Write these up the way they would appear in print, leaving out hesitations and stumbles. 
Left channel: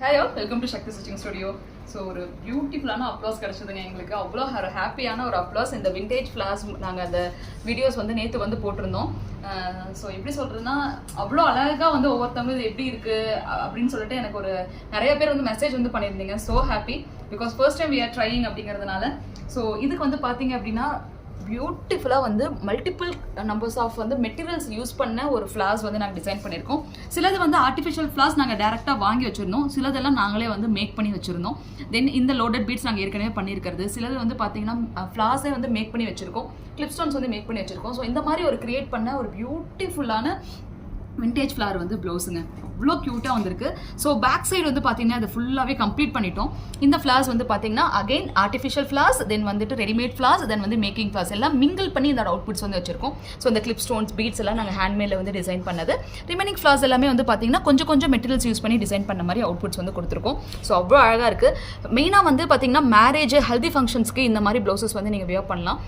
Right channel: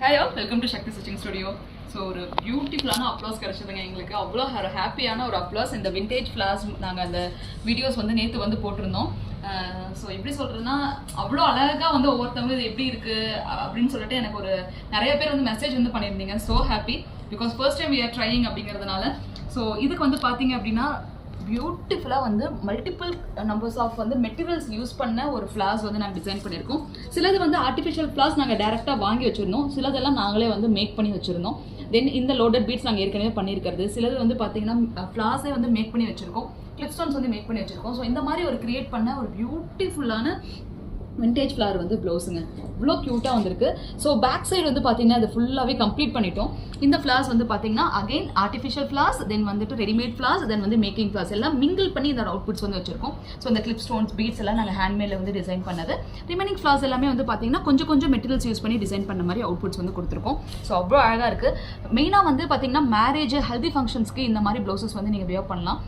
Hey all, welcome to Shakti Stitching Studio. So ஒரு பியூட்டிஃபுல்லான applause கிடச்சிதுங்க எங்களுக்கு. அவ்வளோ ஹாப்பியான ஒரு அப்ளாஸ். இந்த விண்டேஜ் ஃப்ளார்ஸ் நாங்கள் அந்த வீடியோஸ் வந்து நேற்று வந்து போட்டிருந்தோம். ஸோ எப்படி சொல்கிறதுனா அவ்வளோ அழகாக வந்து ஒவ்வொருத்தவங்க இது எப்படி இருக்குது அப்படின்னு சொல்லிட்டு எனக்கு ஒரு நிறைய பேர் வந்து மெசேஜ் வந்து பண்ணியிருந்தீங்க. So happy because first time we are trying அப்படிங்கிறதுனால. ஸோ இதுக்கு வந்து பார்த்தீங்க அப்படின்னா பியூட்டிஃபுல்லாக வந்து மல்டிபிள் நம்பர்ஸ் ஆஃப் வந்து மெட்டீரியல்ஸ் யூஸ் பண்ண ஒரு ஃப்ளார்ஸ் வந்து நாங்கள் டிசைன் பண்ணியிருக்கோம். சிலது வந்து ஆர்டிஃபிஷியல் ஃப்ளார்ஸ் நாங்கள் டேரெக்டாக வாங்கி வச்சுருந்தோம், சிலதெல்லாம் நாங்களே வந்து மேக் பண்ணி வச்சுருந்தோம். தென் இந்த லோடட் பீட்ஸ் நாங்கள் ஏற்கனவே பண்ணியிருக்கிறது. சிலது வந்து பார்த்தீங்கன்னா ஃப்ளார்ஸே வந்து மேக் பண்ணி வச்சுருக்கோம், கிளிப் ஸ்டோன்ஸ் வந்து மேக் பண்ணி வச்சுருக்கோம். ஸோ இந்த மாதிரி ஒரு கிரியேட் பண்ண ஒரு பியூட்டிஃபுல்லான விண்டேஜ் ஃப்ளார் வந்து ப்ளவுஸுங்க. இவ்வளோ க்யூட்டாக வந்திருக்கு. ஸோ பேக் சைடு வந்து பார்த்தீங்கன்னா அது ஃபுல்லாகவே கம்ப்ளீட் பண்ணிட்டோம். இந்த ஃப்ளார்ஸ் வந்து பார்த்தீங்கன்னா அகைன் ஆர்டிஃபிஷியல் ஃப்ளார்ஸ், தென் வந்துட்டு ரெடிமேட் ஃப்ளார்ஸ், தென் வந்து மேக்கிங் ஃப்ளார்ஸ் எல்லாம் மிங்கிள் பண்ணி இந்த அவுட்புட்ஸ் வந்து வச்சிருக்கோம். ஸோ இந்த கிளிப் ஸ்டோன்ஸ் பீட்ஸ் எல்லாம் நாங்கள் ஹேண்ட்மேடில் வந்து டிசைன் பண்ணது. ரிமைனிங் ஃப்ளார்ஸ் எல்லாமே வந்து பார்த்தீங்கன்னா கொஞ்சம் மெட்டீரியல்ஸ் யூஸ் பண்ணி டிசைன் பண்ண மாதிரி அவுட்புட்ஸ் வந்து கொடுத்துருக்கோம். ஸோ அவ்வளோ அழகாக இருக்குது. மெயினாக வந்து பார்த்தீங்கன்னா மேரேஜ் ஹெல்தி ஃபங்க்ஷன்ஸ்க்கு இந்த மாதிரி ப்ளவுசஸ் வந்து நீங்கள் வியர் பண்ணலாம்.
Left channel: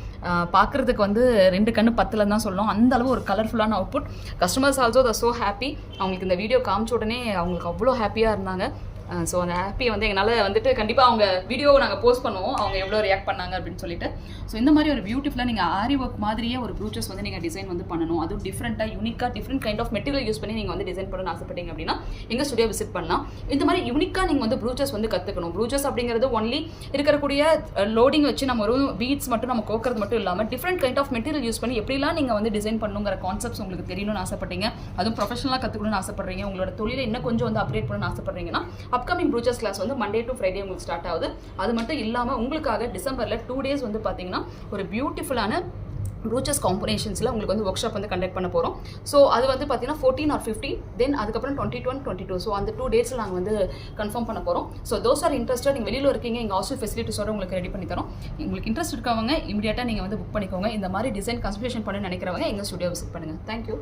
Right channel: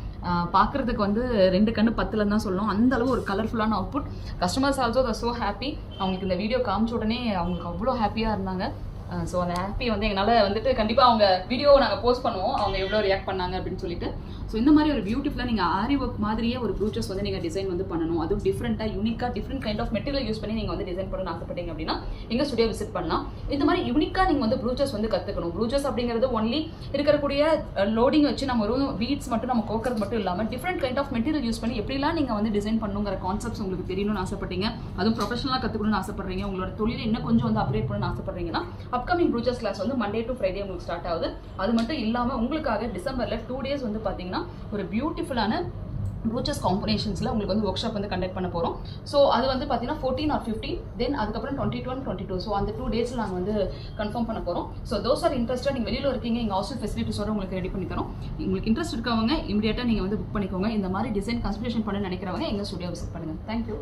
பார்க்குறதுக்கு வந்து 2 கண்ணு 10 தான் சொல்லணும், அந்த அளவு ஒரு கலர்ஃபுல்லான output. Customers also the so happy. அவங்களுக்கு இந்த வீடியோ காமிச்ச உடனே அவங்களுக்கு அவ்வளோ ஹாப்பியாக இருந்தாங்க. ஸோ அந்த ஹாப்பியை வந்து எங்களால் வந்துட்டு கண்டிப்பாக அவங்க வீடியோ நாங்கள் போஸ்ட் பண்ணுவோம், அவங்க எவ்வளோ ரியாக்ட் பண்ணாங்க அப்படின்னு சொல்லிட்டு. ஸோ இந்த மாதிரி ஒரு பியூட்டிஃபுல்லாக நீங்கள் ஆரி ஒர்க் மாதிரியே ஒரு ப்ரூச்சஸ் வந்து நீங்கள் டிசைன் வந்து பண்ணணும், அதுவும் டிஃப்ரெண்ட்டாக யூனிக்காக different kind of material use பண்ணி நீங்கள் வந்து டிசைன் பண்ணணும்னு ஆசைப்பட்டீங்க அப்படின்னா எங்கள் ஸ்டுடியோ விசிட் பண்ணலாம். இந்த மாதிரி யூனிக்காக நீங்கள் வந்து ப்ரூச்சஸ் வந்து கற்றுக்கணும். ப்ரூச்சஸ் அப்படிங்கிறது ஒன்லி இருக்கக்கூடிய லோடிங் வச்சு நம்ம ஒரு பீட்ஸ் மட்டும் நம்ம கோக்கிறது மட்டும் இல்லாமல் different kind of material use பண்ணி எப்படிலாம் நீங்கள் வந்து டிசைன் பண்ணுங்கிற கான்செப்ட்ஸ் உங்களுக்கு தெரியணும்னு ஆசைப்பட்டீங்க, அதுவும் ப்ரொஃபஷனலாக கற்றுக்கணும்னு ஆசைப்படுறீங்க, உங்களோட தொழிலை இன்னும் கொஞ்சம் வந்து அப்டேட் பண்ணணும்னு ஆசைப்படுறீங்கன்னா அப்கமிங் ப்ரூச்சஸ் கிளாஸ் வந்து மண்டே டு ஃப்ரைடே உங்களுக்கு ஸ்டார்ட் ஆகுது. அது மட்டும் இல்லாமல் உங்களுக்காக டிசம்பரில் 2 days வந்து பார்த்தீங்கன்னா ஒரு பியூட்டிஃபுல்லான ப்ரூச்சஸ் காம்பினேஷன்ஸில் உங்களுக்கு வந்து ஒர்க் ஷாப் வந்து கண்டக்ட் பண்ண போகிறோம். ஸோ அது வந்து பார்த்தீங்கன்னா 14 or 15, தென் அதுக்கப்புறம் 21, 22. ஸோ அந்த 2 days நாங்கள் வந்து கன்ஃபார்ம் பண்ண போகிறோம். So those are interested. நீங்கள் வெளியில் இருக்கீங்க, எங்கள் ஹாஸ்டல் ஃபெசிலிட்டிஸோட உங்களுக்கு ரெடி பண்ணி தரோம். உங்களுக்கு இன்ட்ரெஸ்ட் இருக்கவங்க இமீடியட்டாக நீங்கள் வந்து புக் பண்ணிக்கோங்க. இந்த மாதிரி டிசைன் கன்சல்டேஷன் பண்ண நினைக்கிறவங்க எங்கள் ஸ்டுடியோ விசிட் பண்ணுங்கள். தேங்க்யூ.